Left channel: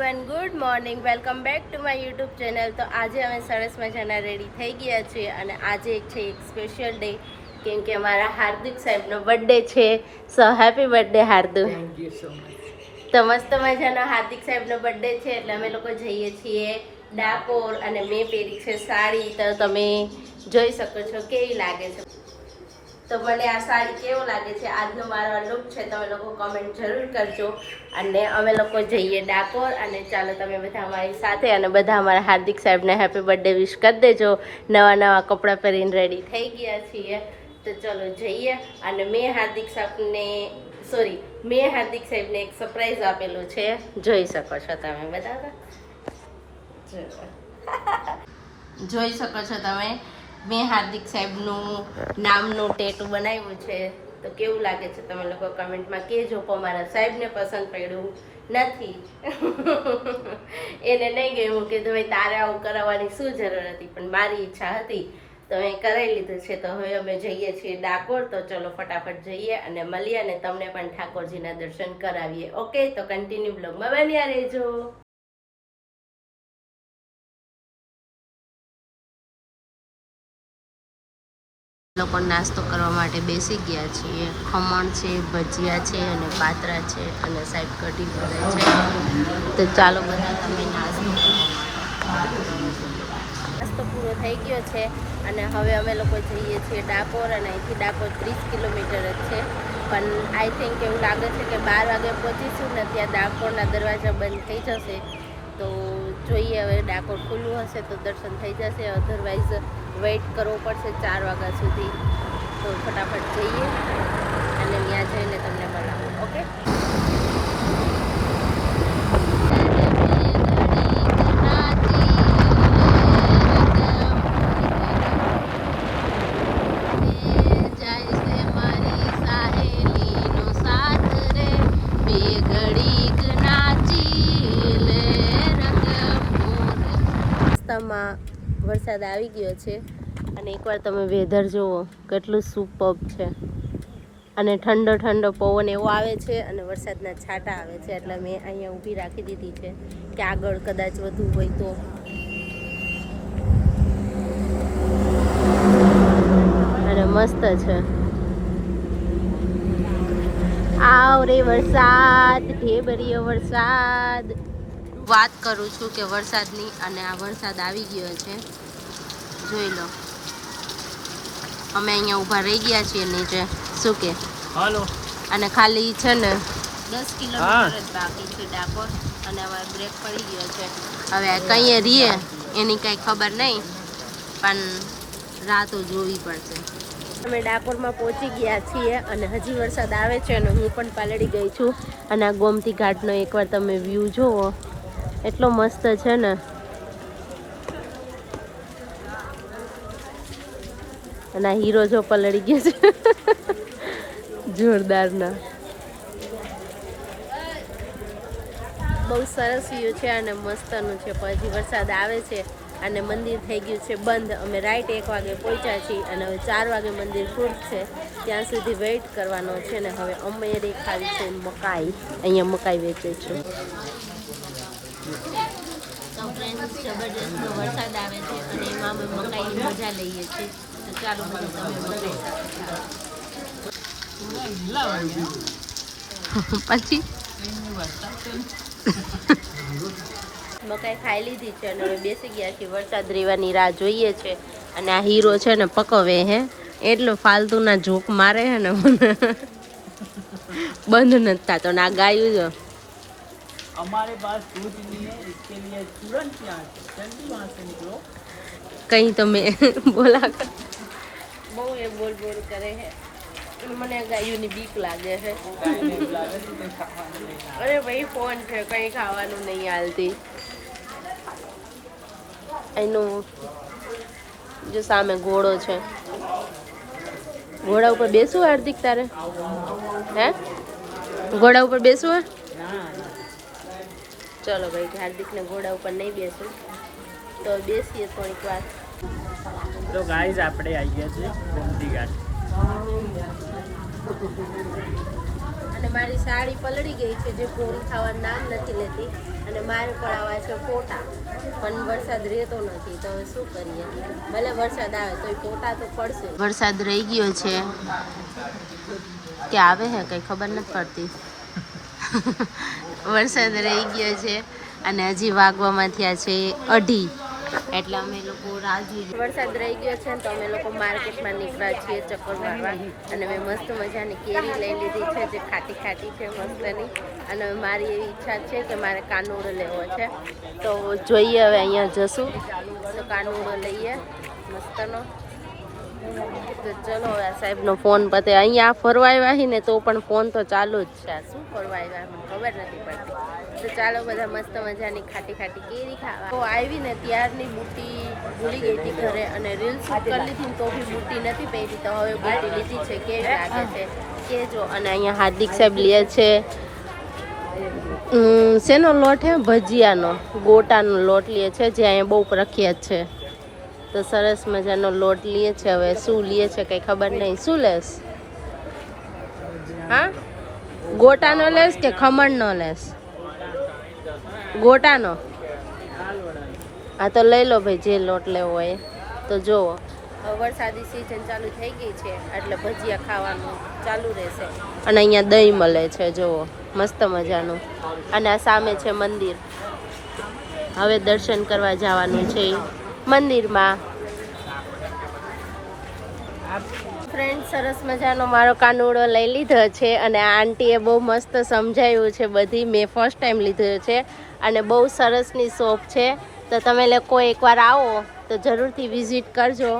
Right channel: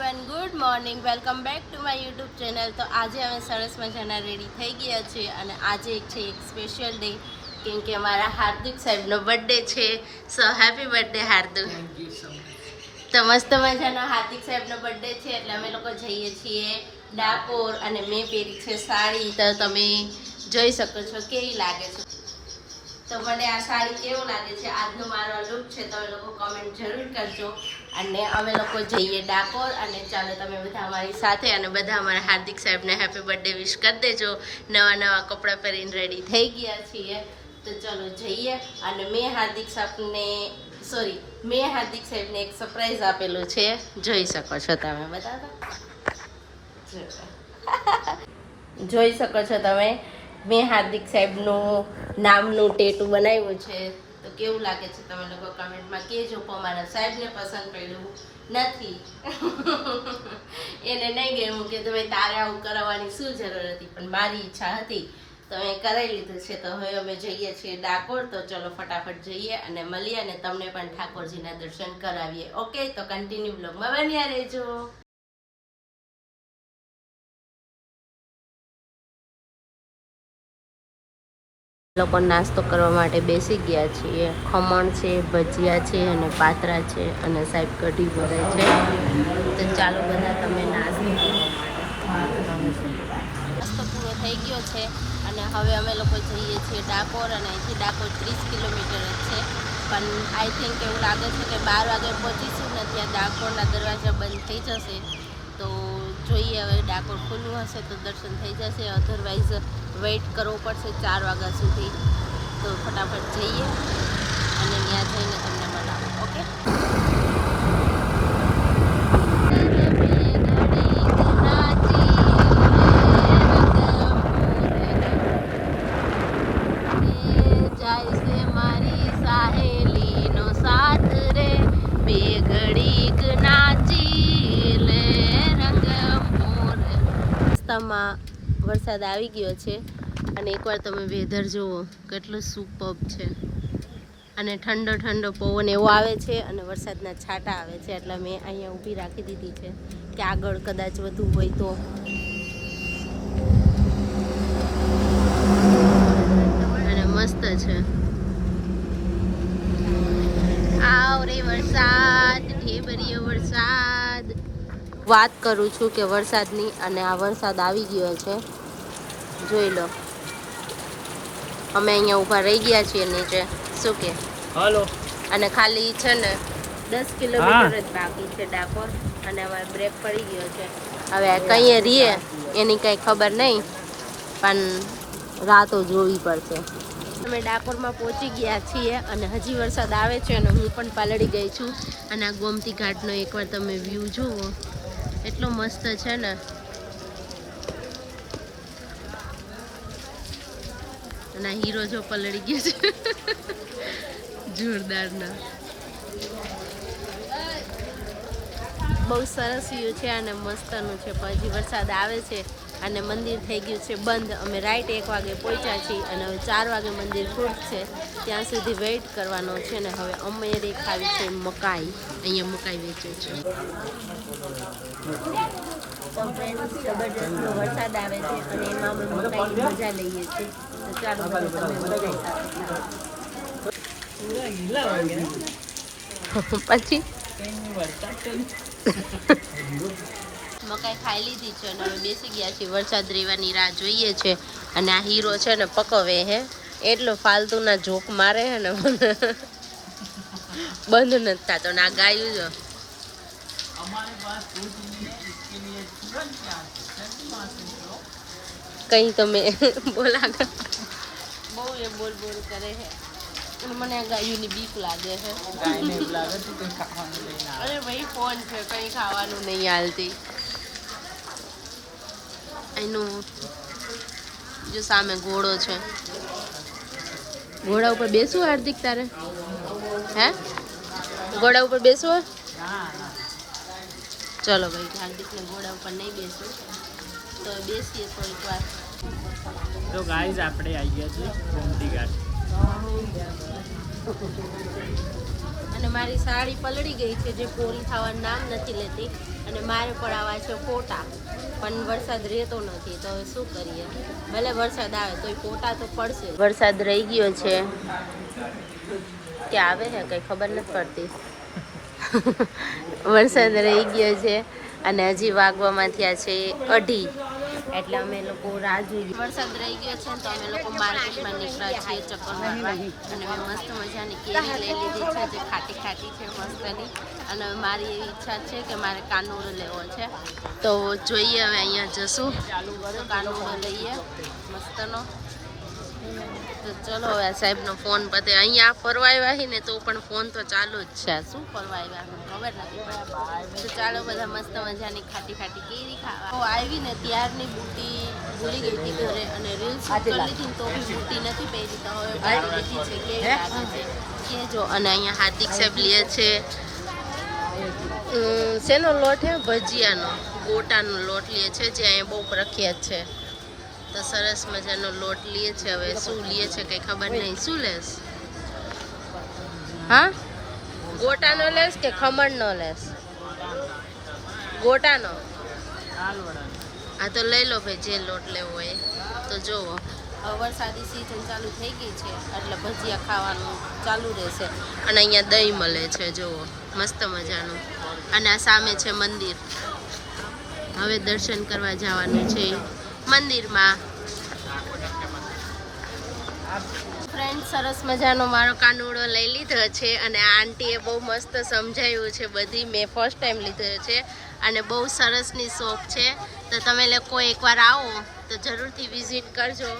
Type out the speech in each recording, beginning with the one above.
Everyone, good morning. Welcome back to my YouTube channel. તો આજે અમે સરસ મજાના રેડી થઈ ગયા છીએ અને આજે છે એક સ્પેશિયલ ડે, કેમ કે અમારા હાર્દિક સાહેબનો બર્થડે છે. So happy birthday Hardu. તો મસ્ત મજાના હાર્દિક સાહેબનો બર્થડે છે એટલે અમે લોકો જઈએ છીએ ડાકોર અને મેં પહેરી છે સાડી. તો તમે જોઈ શકો છો કેવી લાગે છે. તો મને આ સાડી કેવો લાગે છે, આજનો મારો લુક છે, તમે લોકો કમેન્ટ જરૂર કરજો. અને અમે લોકો જઈએ ડાકોર અને ચાલો તમે બધા અમારી સાથે અને બધા અમારા હાર્દિક સાહેબને હેપી બર્થડે વિશ કરી દેજો. નવા નવા કપડાં પહેરીને રેડી થઈ ગયા છીએ તો ચલો જઈએ. અને મેં હાર્દિક સાહેબને એક સરપ્રાઈઝ આપેલું છે, જોઈ શકો છો તમે. બતાવો, જોઈ શકો છો તમે. મેં હાર્દિક સાહેબનું નામનું ટેટુ બનાવ્યું છે. તો કેવું લાગે છે તમે લોકો કમેન્ટમાં કહેજો. પણ મારા સાહેબને પસંદ પડ્યું નથી. એને નહીં ગયું કે ભાઈ તારે આવું કરાવવાની શું જરૂર હતી, પણ મારી ઈચ્છા હતી તો મેં કરાવી લીધું છે. તો હવે અમે જઈએ છીએ ડાકોર. તો ચલો ફટાફટ જઈએ અને મળીએ અને તમને પણ ઠાકોરજીના દર્શન કરાવીએ. ઓકે, તો કન્ટિન્યુ બ્લોગમાં બન્યા રહેજો. લોકો નાસ્તો કરવા માટે બેસી ગયા છીએ. ખમણ છે, ભજીયા છે અને પાતરા છે અને સાહેબ કઢી ભરે છે. તો ચાલો બધા તમે નાસ્તો કરવા માટે. નાસ્તો પૂરો થઈ ગયો છે અને હવે અમે લોકો જઈએ છીએ ડાકોર. અને અહીંથી ડાકોર 30 કિલોમીટર જ છે, પણ આઈ થિંક એવું લાગે છે કે 12 વાગે પહોંચીશું ને ત્યાં ડાકોરના દરવાજા બંધ થઈ જશે. તો જોઈએ, હવે ડાકોર ખુલ્લું હશે તો દર્શન થઈ જશે, અધરવાઇઝ વેઇટ કરવો પડશે 4 વાગ્યા સુધી. તો ફટાફટ જઈએ અને ત્યાં જઈને તમને મળાવું. ઓકે, વરસાદ આવી ગયો છે અને એકવાર તમે વેધર જુઓ કેટલું સુપર્બ છે. અને ઠંડો ઠંડો પવન એવો આવે છે અને વરસાદના છાંટા આવે છે. એટલે મેં અહીંયા ઊભી રાખી દીધી છે કે આગળ કદાચ વધુ હોય તો. અને મસ્ત છે. આવરે વરસાદ, ઢેબરીયો વરસાદ. વાત કરું છું કે વરસાદની, અને આ વરસાદ આવી ગયો છે, જોઈ લો. અમે અહીંયા ઊભા રહી ગયા છીએ નીચે. શું કે હાલો. અને ખાલી છે ને 10 કિલોમીટર જ બાકી છે ડાકોર. અને હવે બ્રેક પડી ગયો છે. હવે કઈએ રહીએ એની કાંઈ ખબર નહીં, પણ રાતો જોવી પડશે. અમે ડાકોરમાં પહોંચી ગયા છીએ અને હજી વરસાદ આવે છે અને હું પણ પાલડી ગઈ છું. અને આ ગોમતી ઘાટનો એકવાર તમે વ્યૂ જુઓ, એટલો મસ્ત છે ને. અને આ હીરો જો પલળી ગયો છે જોરદારના. બહુ સરસ વ્યૂ છે અને મસ્તનું છે. પછી વરસાદ આવે છે અને મંદિર થઈ ગયું છે બંધ. અમે રાઈટ 1 વાગે પહોંચ્યા છીએ અને હવે 4 વાગે મંદિર ખુલશે, ત્યાં સુધી વેઇટ કરવાનો છે. ને હવે અમે ખાવી છે મકાઈ. અહીંયા મકાઈ વેચે છે. તો ફ્રેન્ડ્સ, જબરજસ્ત વરસાદ આવે છે અને એમાં અમે મકાઈની મજા લઈએ છીએ. તો ચાલો બધું તમે મકાઈ સાથે પછી મકાઈ ખાઈ લીધી છે અને હવે બેસી ગયા છીએ. વરસાદ રહેવાની રાહ જોઈએ છે. અને આ હીરો છે ને પકવે હે, એટલો ફાલતુના ઝૂક મારે છે ને બંધ નથી થતો. ને આ ગાયું જો हमारे पास दूध नहीं है, इसके लिए तुरंत यहाँ से निकलो. कहीं તમે બોલા બહુ એ બોલ બોલ કરે છે. મને ગાયુંની બીક લાગે છે. અરે ભાઈ ફોન છે, કંઈ ખાવાનું નહીં હાલતી. એનું જો સામે ઘોડો છે. ઘોડા ઉપર બેસવું હાર્દિક તારે? હે, ઘોડા ઉપર બેસવું? ચલો ભાઈ, હાર્દિકને ઘોડા ઉપર નહીં બેસું તો બેસીએ થોડીક વાર. તો ગાઈઝ આપણે આવી ગયા છે ગોમતી ઘાટ. અને મારી સાડી પલળી ગઈ છે જે પૂરી થવાનું નામ નથી લેતી અને મારે પડાવવા છે ફોટા પણ વરસાદ રહેતો નથી તો હવે શું કરીએ ભલે વરસાદ આવે તો ફોટા તો પડશે વરસાદ રહી ગયો છે કે આવે છે કંઈ ખબર નથી પડતી વરસાદ રહી ગયો છે અને હજી વાગવામાં થયા છે 2:30 એટલે અમે લોકો રાહ જોઈએ વરસાદ રહી ગયો છે ને તો અમે લોકો માર્કેટમાં નીકળ્યા છીએ ચક્કર મારવા અને મેં મસ્ત મજાની કેરી લઈ લીધી છે જે ખાટી ખાટી છે મસ્તની અને મારી એવી ઈચ્છા છે કે મારે કાનુડો લેવો છે તો જોઈએ હવે અહીંયા જશું તો કાનુડો લઈએ મસ્તનો તો ચલો હવે સાહેબનો ફોન પતે અહીંયા ફરવા આવ્યા ને તો પણ ફોન તો ચાલુ જ છે શું ફરવા આવ્યા મને ખબર નથી પડતી તો ચાલો બધા મસ્ત મજાની ખાટી ખાટી કેરી ખાવા તો આવીને ત્યારની બુટી ભૂલી ગઈ હતી ઘરે અને રીલ શૂટ કરી લીધી ને તો બી બુટી નથી પહેરી તો હવે બુટી લીધી છે કેવી લાગે છે કેજો અને અહીંયા હાર્દિક સાહેબ લે છે શેનો લોટ છે ભજીયાનો ગોટાનો લોટ લે છે જે અહીંયા બહુ પ્રખ્યાત છે તો સરસ મજાનો લોટ લે છે હવે શું લે છે કંઈ ખબર નહીં શું લેસ હા ગોટાનો લેસ કે ખમણનો લેસ ગોટાનો હા તો લઈ લો ભાઈ જે લોટ લેવો હોય તો જુઓ હવે વરસાદી સિઝન ચાલુ થઈ ગઈ છે એટલે ભજીયા ખાવાનું ચાલુ રહેશે અને અહીંયા દહીં મળે છે જુઓ મસ્ત મજાનું અને આ સામે છે મંદિર હવે દર્શન કરવા જવાનું છે મંદિરમાં ફ્રેન્ડ સરસ મજાનો મારો કાનુડો લઈ લીધો છે અને આ આંટીએ બહુ મસ્ત સમજાવ્યું છે બધી મેં ફર્સ્ટ ટાઈમ લીધો છે અને બહુ સરસની શોપ છે તો તમે લોકો એકવાર આવો તો જરૂરથી વિઝિટ કરજો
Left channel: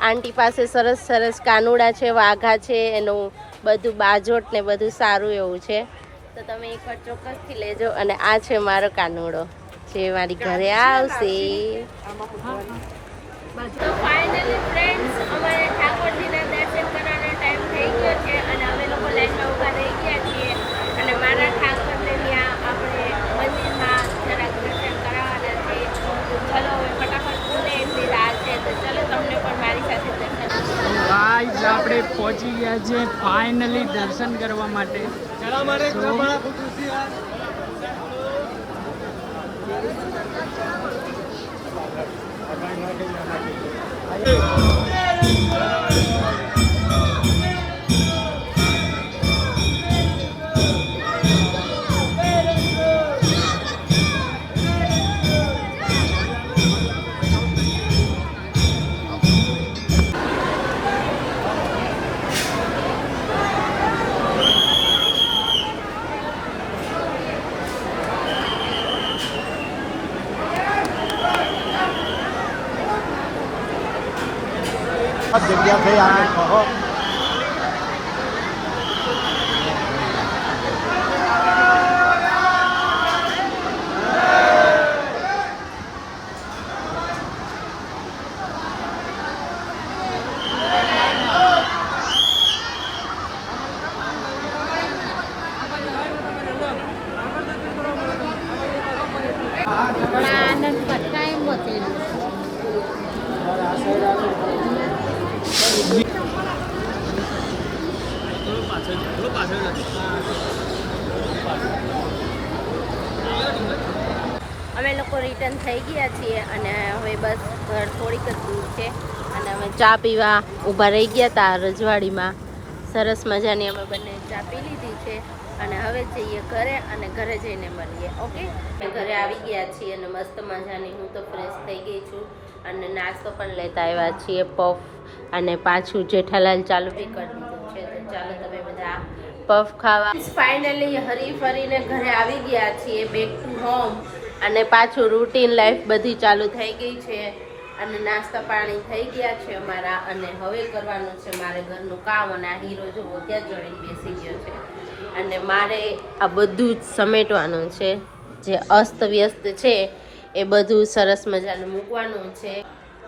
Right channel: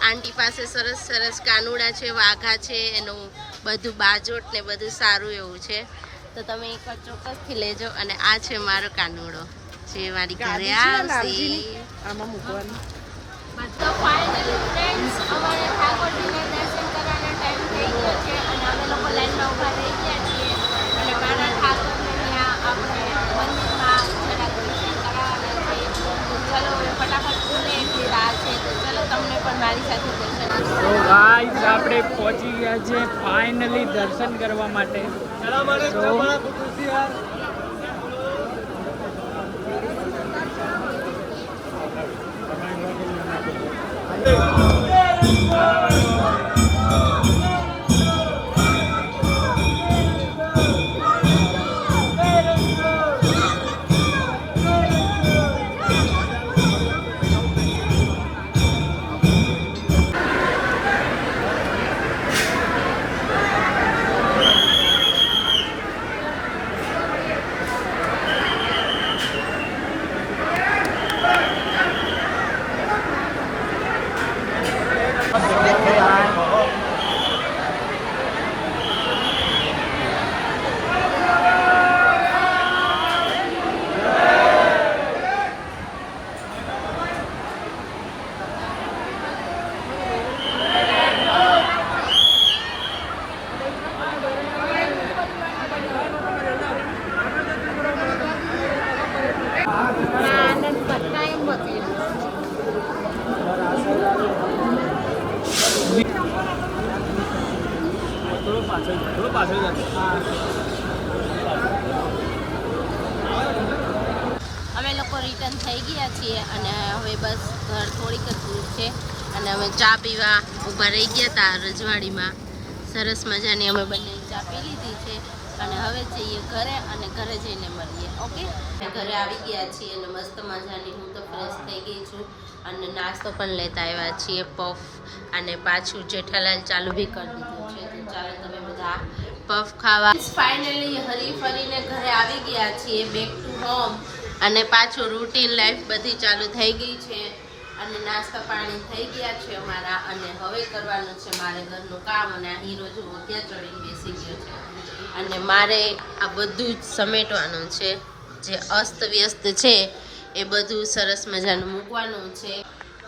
આંટી પાસે સરસ સરસ કાનુડા છે વાઘા છે એનું બધું બાજોટ ને બધું સારું એવું છે તો તમે એકવાર ચોક્કસથી લેજો અને આ છે મારો કાનુડો જે મારી ઘરે આવશે તો ફાઇનલી ફ્રેન્ડ્સ અમારે ઠાકોરજીના દર્શન કરવાનો ટાઈમ થઈ ગયો છે અને અમે લોકો લાઈનમાં ઊભા રહી ગયા છીએ અને મારા ઠાકોરને ત્યાં આપણે મંદિરમાં જરાક દર્શન કરાવવાના છે તો ચલો હવે ફટાફટ ખુલે એટલી રાહ છે તો ચલો તમને પણ મારી સાથે દર્શન તો ગાઈઝ આપણે પહોંચી ગયા છીએ ફાઇનલી દર્શન કરવા માટે તો અમે લોકો રિટર્ન થઈ ગયા છીએ અને હવે બસ ઘર થોડીક જ દૂર છે અને અમે ચા પીવા ઊભા રહી ગયા હતા રજવાડીમાં સરસ મજાની અમે બંને ચા પી લીધી છે અને હવે જઈએ ઘરે અને ઘરે જઈને મળીએ ઓકે ઘરે આવી ગયા છીએ અને મસ્ત મજાની હું તો ફ્રેશ થઈ ગઈ છું અને નાસ્તો પણ લેતા આવ્યા છીએ પફ અને પાછું જેઠાલાલ ચાલુ બી કરી દીધું છે તો ચાલો તમે બધા પફ ખાવા ફાઇનલી હરી ફરીને ઘરે આવી ગયા છીએ બેક ટુ હોમ અને પાછું રૂટીન લાઈફ બધી ચાલુ થઈ ગઈ છે અને નાસ્તા પાણી થઈ ગયા છે અમારા અને હવે કરવાનું છે મારે ઘરનું કામ અને આ હીરો જો ત્યાં ચડીને બેસી ગયો છે અને મારે આ બધું જ સમેટવાનું છે જે અસ્ત વ્યસ્ત છે એ બધું સરસ મજાનું મૂકવાનું છે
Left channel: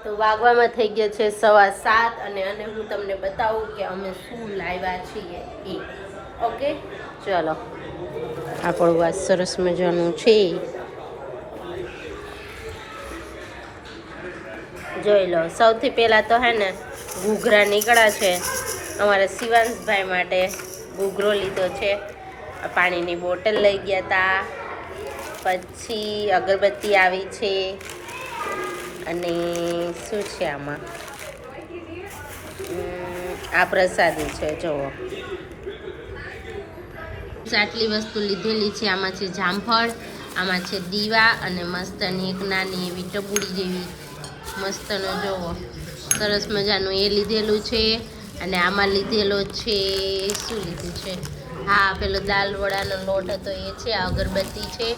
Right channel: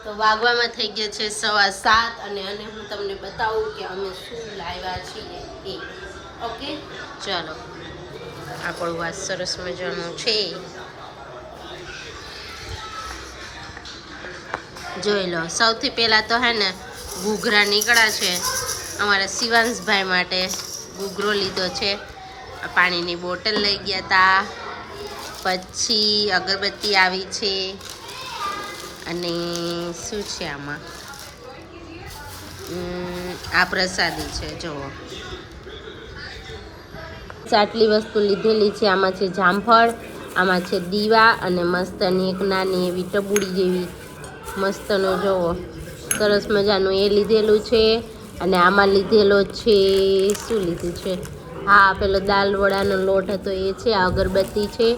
તો વાગવામાં થઈ ગયા છે 7:15 અને હું તમને બતાવું કે અમે શું લાવ્યા છીએ એ ઓકે ચલો આપણું વાત સરસ મજાનું છે જોઈ લો સૌથી પહેલાં તો હે ને ઘૂઘરા નીકળ્યા છે અમારા શિવાંશભાઈ માટે ઘૂઘરો લીધો છે પાણીની બોટલ લઈ ગયા હતા, પછી અગરબત્તી આવી છે, અને શું છે આમાં, આ પ્રસાદી છે જુઓ. આટલી વસ્તુ લીધેલી છે. આમાં છે જામફળ, આમાં છે દીવા, અને મસ્તની એક નાની એવી ટબુડી જેવી મસ્તનો જોવો સરસ મજાનું એ લીધેલું છે. અને આમાં લીધેલો છે, શું લીધું છે, હા પેલો દાલ વડાનો લોટ હતો એ છે, આ અગરબત્તી છે,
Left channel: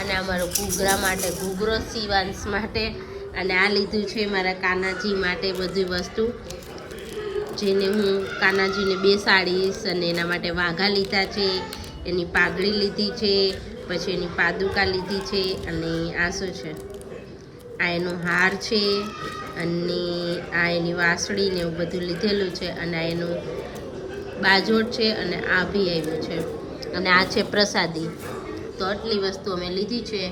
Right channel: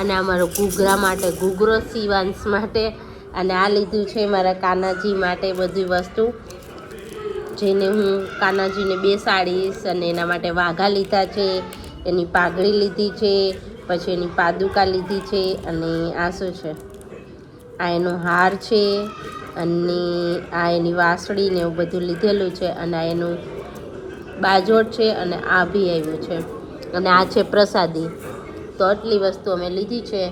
અને અમારો ઘૂઘરા માટે ઘૂઘરો, શિવાંશ માટે, અને આ લીધું છે મારા કાનાજી માટે બધી વસ્તુ, જેને હું કાનાજીને બેસાડીશ, અને એના માટે વાઘા લીધા છે, એની પાઘડી લીધી છે, પછી એની પાદુકા લીધી છે, અને આ શું છે, આ એનો હાર છે, અને આ એની વાસળી ને એવું બધું લીધેલું છે, અને આ એનું બાજોટ છે, અને આ બી આવ્યું છે, અને આ છે પ્રસાદી. તો આટલી વસ્તુ અમે લીધી છે,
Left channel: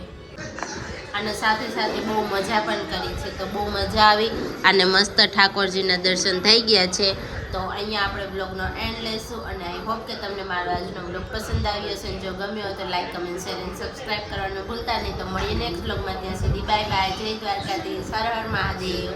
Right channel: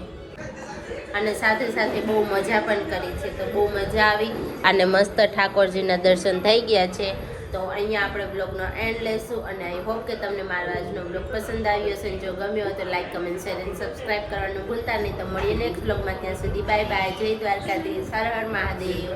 અને સાથે સાથે બહુ મજા પણ કરી છે. તો બહુ મજા આવી, અને મસ્ત ઠાકોરજીના દર્શન થઈ ગયા છે. તો અહીંયા આપણે બ્લોગનો એન્ડ લઈશું, અને આઈ હોપ કે તમને મારો આજનો બ્લોગ પસંદ આવ્યો હશે. જો ગમ્યો હોય તો લાઈક, કમેન્ટ, શેર અને સબસ્ક્રાઈબ કરવાનું ભૂલતા નહીં. તો મળીએ નેક્સ્ટ બ્લોગમાં. ત્યાં સુધી બાય બાય. જય દ્વારકાધીશ. હર હર મહાદેવ.